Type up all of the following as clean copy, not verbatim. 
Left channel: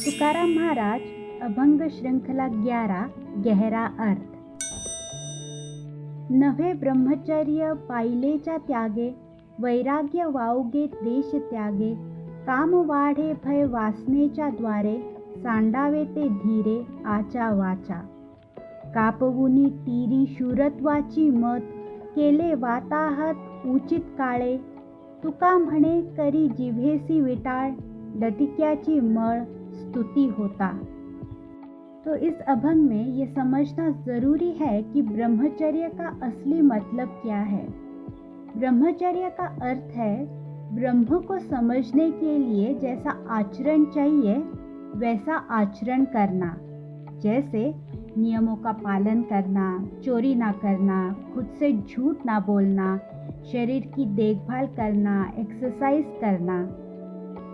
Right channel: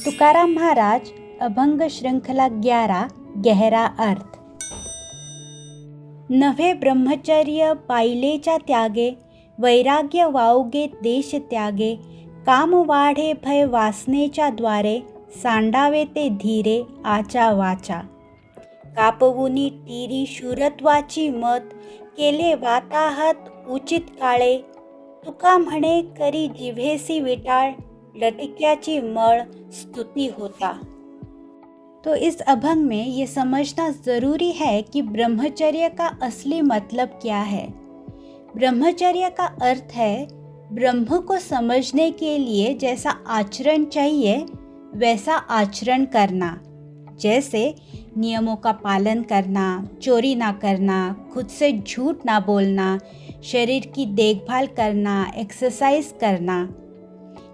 तुकाराम महाराज अभंग श्रृंखला 11 गहरा अर्थ। नव्हे ब्रह्मचर्य पाहिलेच्या त्यागे, वैराग्य वावगे देश त्यागे, काम वाढे भय वासनेच्या द्वारे, सांडावे ते धीरे आचा वाचा। कापवुनी टीरी शूरत्वाची मत, केले वाताहत उचित काळे, तुका म्हणे करी जिव्हेसी विटाळ, लटिक्याची मळ स्तुति होता। तो इस अभंग में ये समझना ज़रूरी है कि ब्रह्मचर्य का असली मतलब क्या है। ब्रह्मचर्य का अर्थ है ब्रह्म को समझने के लिए जैसा आचरण चाहिए वैसा आचरण करना, जैसे नियमों का पालन करना, चोरी ना करना, खुद से झूठ ना बोलना, शरीर की देखभाल करना, एक्सरसाइज करना।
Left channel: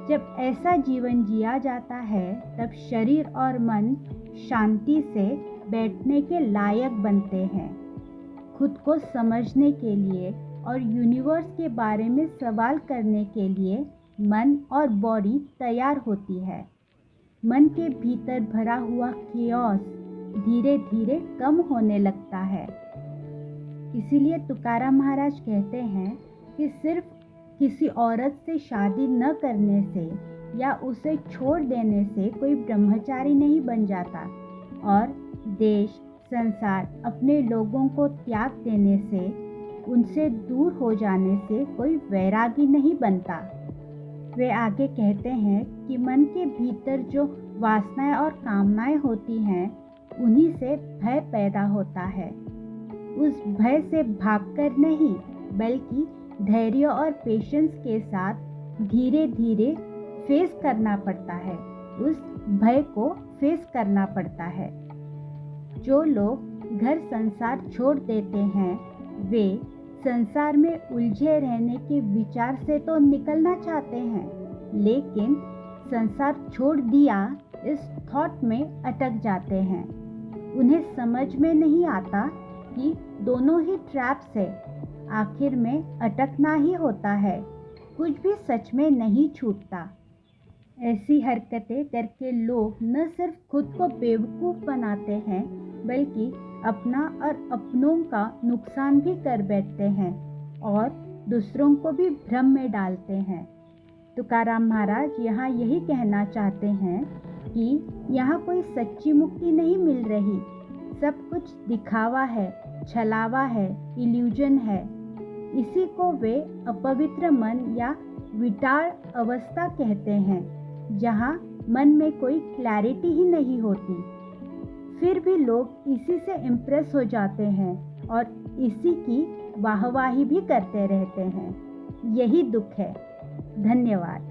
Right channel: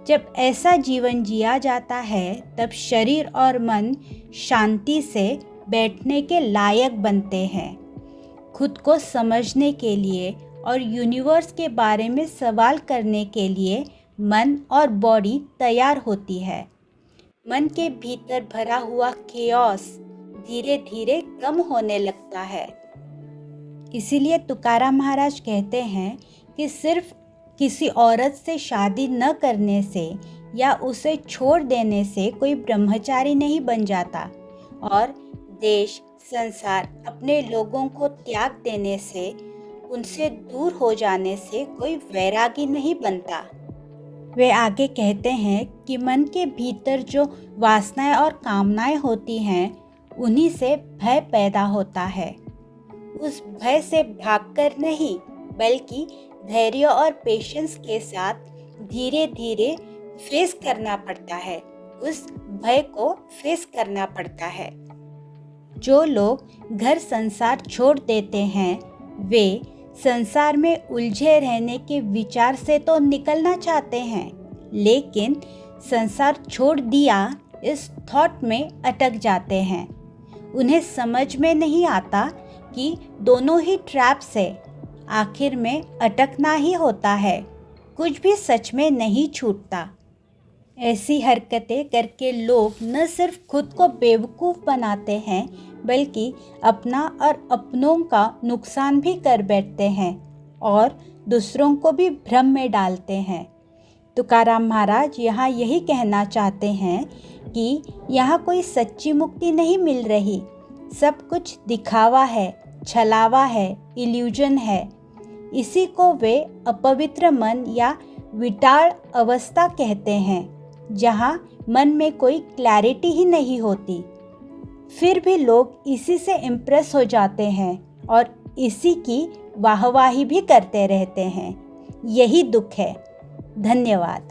जब ऐसा जीवन जिया जाता है तब शरीर और मन शांति से बैठने के लायक बनते हैं। खुद को समझने के लिए और यूनिवर्स के बारे में सवाल करने के लिए मन और बॉडी तैयार होती है। मन के भीतर भरा हुआ केओस धीरे धीरे कम होने लगता है। इसीलिए तुकाराम महाराज कहते हैं कि सिर्फ किसी औरत से शादी न करने से या उसे छोड़ देने से कोई ब्रह्मचारी नहीं बन जाता, और देश संसार अपने लोगों को त्याग देने से, उनसे दूर हो जाने से कोई वैरागी नहीं बनता। वे आगे कहते हैं कि मन के भीतर जो वासनाएं और कामनाएं होती हैं उन्हीं से भय पैदा होता है। उस भय से भागकर नहीं बल्कि धैर्य और पेशेंस के साथ धीरे धीरे फेस करना पड़ता है, उस भय को फेस करना पड़ता है। जो लोग घर संसार छोड़ देते हैं वे संसार में उलझे रहने के विचार से तो निकलना चाहते हैं, लेकिन संसार छोड़ दिया इस थॉट में अटक जाते हैं। उन्हें समझ में नहीं आता कि दोनों ही ट्रैप्स है, आखिर में अटकना ही होता है, कुछ भी सच में नहीं छूटता। ऐसी हरकतें करके लोग न सिर्फ खुद को बेवकूफ़ बनाते हैं बल्कि अपना और अपनों का नुकसान भी कर बैठते हैं और दूसरों को भी भ्रम में डालते हैं। तुकाराम महाराज यहाँ यही कहना चाहते हैं कि यहाँ कोई सच्ची मुक्ति नहीं मिल रही, सब कुछ दिखावा है, छलावा है, इल्यूजन है। इसी को वे अपवित्र मन या विटाल अवस्था कहते हैं, जहाँ मन में कोई क्लैरिटी ही नहीं होती। फिर भी लोग इसी से इम्प्रेस हो जाते हैं और इसी की वाहवाही भी करते रहते हैं। यही दुख है। धन्यवाद।